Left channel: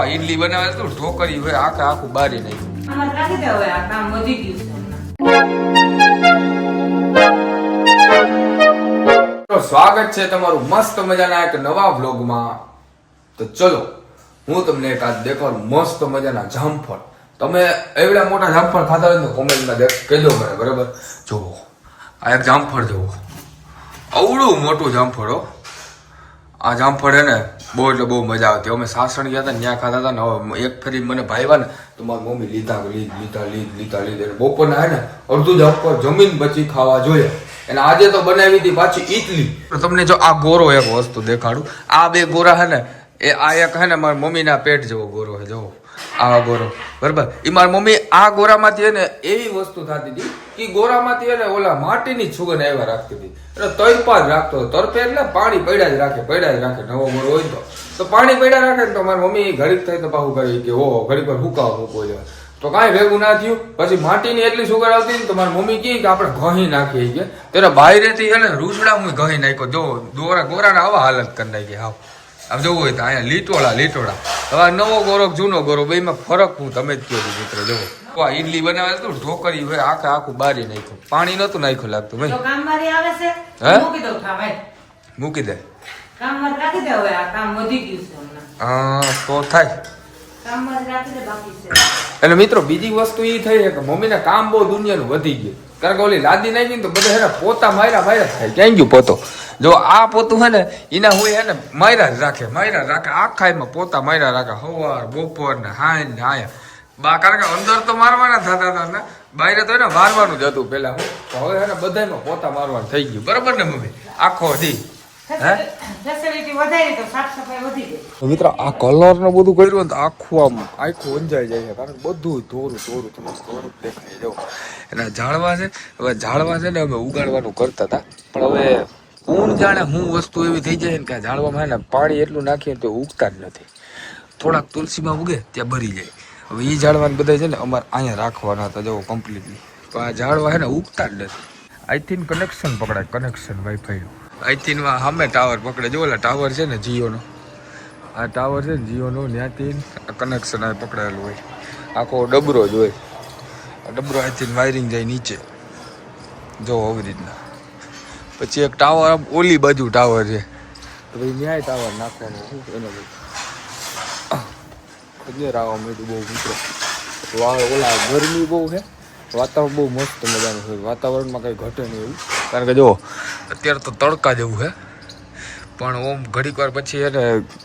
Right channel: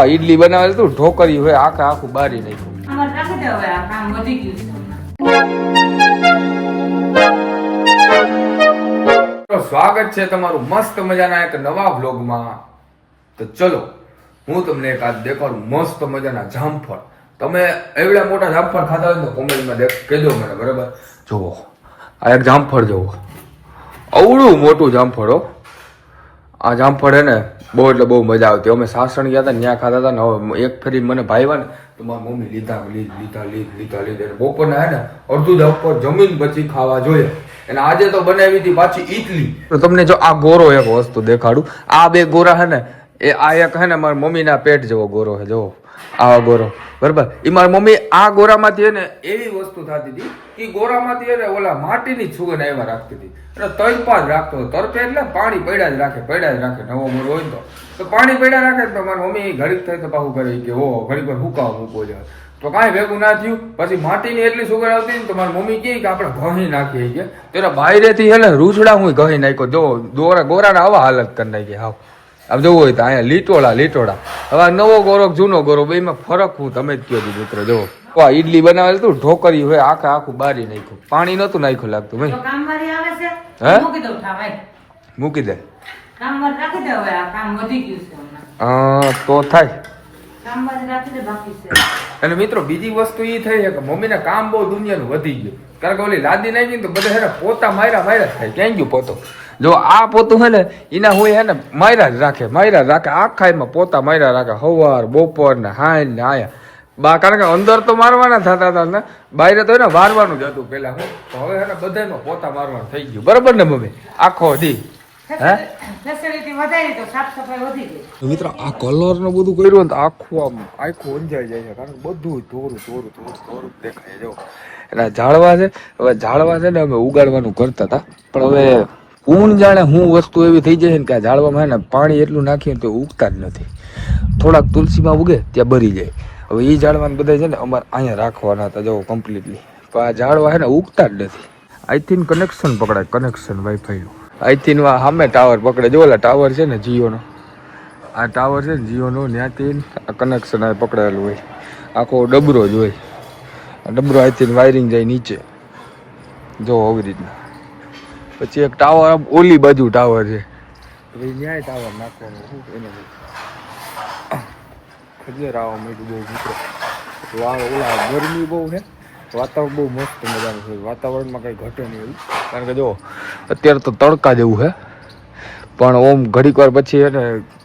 આ ઈડલી બનાવે તું ઢોકરી હોય આખું બારી નાખ્યું. સ્વાગત છે તમારું મસ્ત મજાના એક નવા વ્લોગમાં. તો ચલો હું તમને એક આજ દેખાડું મસ્ત મજાના જામફળ. તમે એવડા મોટા જામફળ ખાતા હોય તો કોમેન્ટમાં કહેજો મને, બરાબર? જોવો આ એક જામફળ, જોવો અવડું મોટું જામફળ હો. આ જામફળ હે ને બહુ એટલે બહુ મજા આવતી. અમે સાસણ ગયા હતા ત્યાં ખાતા હતા ને હવે એક ફરી મને ભાઈવા ને તો મારી મમ્મી લીધા બપોરના હે ને અડધું જામફળ જમીન પછી ખાવા જોઈએ. અને આજે તો બનાવી હતી પાછી ઈડલી. તો તમને જો આ ગોરો એક વસ્તુ દેખાડું. આ બે ગોરા હે ને એ આ એક હે ને મારી મમ્મીના પેટ જેવો ગોરો હે. જોવો આવા ગોરો, બરાબર? એ મારી મમ્મી આ ગોરામાંથી હે ને એવી વસ્તુ થતી હતી કે ગોરામાંથી હે ને ઓલા માટીની સુગંધ એવા રાખતી હતી. એટલે તરપા જ રાખતો. તરપે એટલે પાણી પડ્યા જ રાખે. નવો ગોરો હોય તો પાણી પડ્યા રાખે ને તો મારી મમ્મી ઘડીક થાય તો પાછું કરે કે ઓ ઘડીક પર હુકાવા મૂકવો જાય. તો કાંઈ ભેગું ના થયું. પછી માટીની એટલી સુગંધ આવતી ને તો મારી મમ્મી કહે કે આપણે ઘહી નાખીએ કે તેને બાયરેથી હે ને રૂજડા હું ઘહી નાખ્યો. જો ગોરાના આવા હાલત કરી નાખી. હાવ આમ જોવું હોય તો અહીંયા લીટોડા. હવે નવો ગોરો જૂનો ગોરો બેમાં ફરક હું તમે જ કહો છો મિત્ર. જોવો આ ઈડલી બનાવે તું ઢોકરી હોય આખું બારી નાખ્યું. પાણી નતું નાખ્યું લાગતું ભાઈ. હે મૂકી દે તો થાય. એટલે મિત્રો બીજી વસ્તુ એ થઈ છે કે મમ્મીને કામ બહુ દુનિયાનું વધી ગયું. કારણ કે ઓલી લાદી નાખી ને તો બધા હે ને પોતા માર્યા થાય. ક્યાં ગયું પોતો? જો આ પોતું હે ને એના હોય હે ને માર્યા જ રાખે. આખા એમાં પોતા માર્યા રાખે. સવાર બપોર ને હાય ને આયા કારણ કે અંદર તો મારવાના થતા હતા ને બાયરે તો એને વારવાનું જ હતું પેલા. હું હવે હે ને બધામાં પોતા મારવાનું થઈ ગયું, બરાબર ને મમ્મી? આખો દી મિત્રો આ કલર નું બધું કર્યું ને તો આખું અંજાઈ જાય છે. કારણ કે બધું ધોરું દેખાય રહ્યો. એના ઝાડવા છે. હવે ઝાડવા છે ને અમે ઉગાડવાનું કરતા હતા, પણ હવે ઊંઘ જાણે હું વસ્તુ એવી થઈ જાય છે કે આ ઝાડવામાં ને પાણી એટલું નાખ્યું તો ઉગતા જ નથી. થોડાક તુલસીમાં ઉગે ત્યાં બરી જાય. હવે એ ઝાડવાને બધા છે ને અમારે અહીંયા રાખવાના હતા. જો કમ્પ્લીટલી તો આ ઝાડવા છે ને ઉગતા જ નથી. આઈથી કનેક્શન પકડાય, કનેક્શન વાઈફાઈનું. આઈથી સામે ટાવર પકડે. જો ઓલા ટાવર છે ને જીઓનો, આ ટાવર છે ને જીઓનો, ત્યાંથી આ કનેક્શન આ પકડાયેલું હોય. આખો ડબરો જ હોય. આ ડબરો આઈથી વાયરિંગ જાય નીચે. જો આવી રીતના. પછી એક ટાવર ઓલી બાજુ ટાવર છે, ન્યાય ટાવર નાખવાનો. એને ખજેર આવવા માંડ્યું બહુ મિત્રો. ઓલા ગરમી બહુ છે, વાતાવરણ બહુ મસ્ત મજાનું છે. વાતાવરણમાં કંઈ ઘટે નહીં એવું. કારણ કે જો અત્યારે તો તડકા જેવું છે, પણ ઓમ ઘડીક વાર પછી એને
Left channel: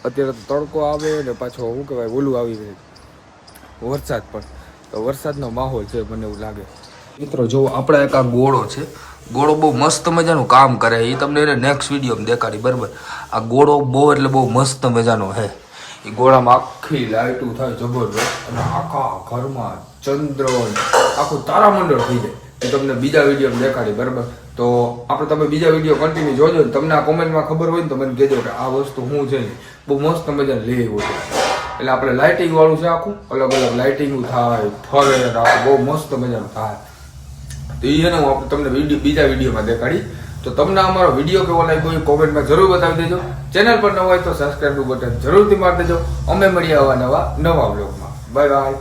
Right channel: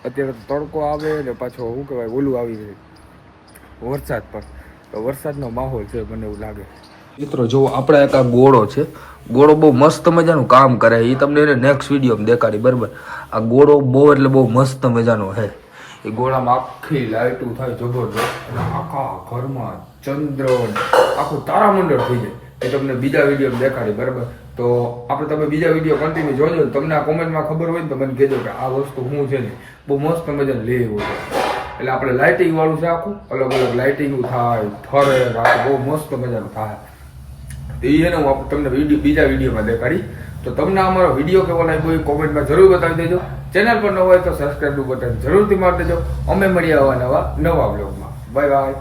અત્યારે તો તડકો આવે ને પાછો શું કહેવાય ઓલું આવી જાય વરસાદ. પણ તો વરસાદનો માહોલ છે મને એવું લાગે. મિત્રો જો આપણે એક આ ગોળો છે. ગોળો બહુ મસ્ત મજાનું કામ કરે. એ તમને એને નેક્સ્ટ વિડીયોમાં દેખાડી, બરાબર? આ ગોળો બહુ એટલે બહુ મસ્ત મજાનો છે. એ ગોળામાં આખી લાઇટું થાય જબરદસ્ત. અને આખા ઘરમાં ચંદ્ર આખું તારામંડળ થઈ જાય. એ તમને બીજા વિડીયોમાં દેખાડી, બરાબર? તો આપણે તમે બીજા વિડીયો કન્ટિન્યુ જોજો ને તમને આ કોમેન્ટમાં ખબર હોય ને તો મને કહેજો કે આ વસ્તુ શું છે ને બહુ મસ્ત મજાને લઈ આવ્યો છે. એટલે આપણે લાઇટિંગ વાળું છે. આખું અલગ અલગ લાઇટિંગનું થાય, ફરે, આખું બહુ મસ્ત મજાનું થાય. તો એ છે ને હું તમને બીજા વિડીયોમાં દેખાડી. તો તમને અમારો વિડીયો કેવો લાગ્યો એ કોમેન્ટમાં જરૂર બતાવી દેજો. ચેનલ પર ન હોય તો સબસ્ક્રાઈબનું બટન જરૂરથી મારી દેજો. અમે મળીએ નવા વ્લોગમાં. Bye bye.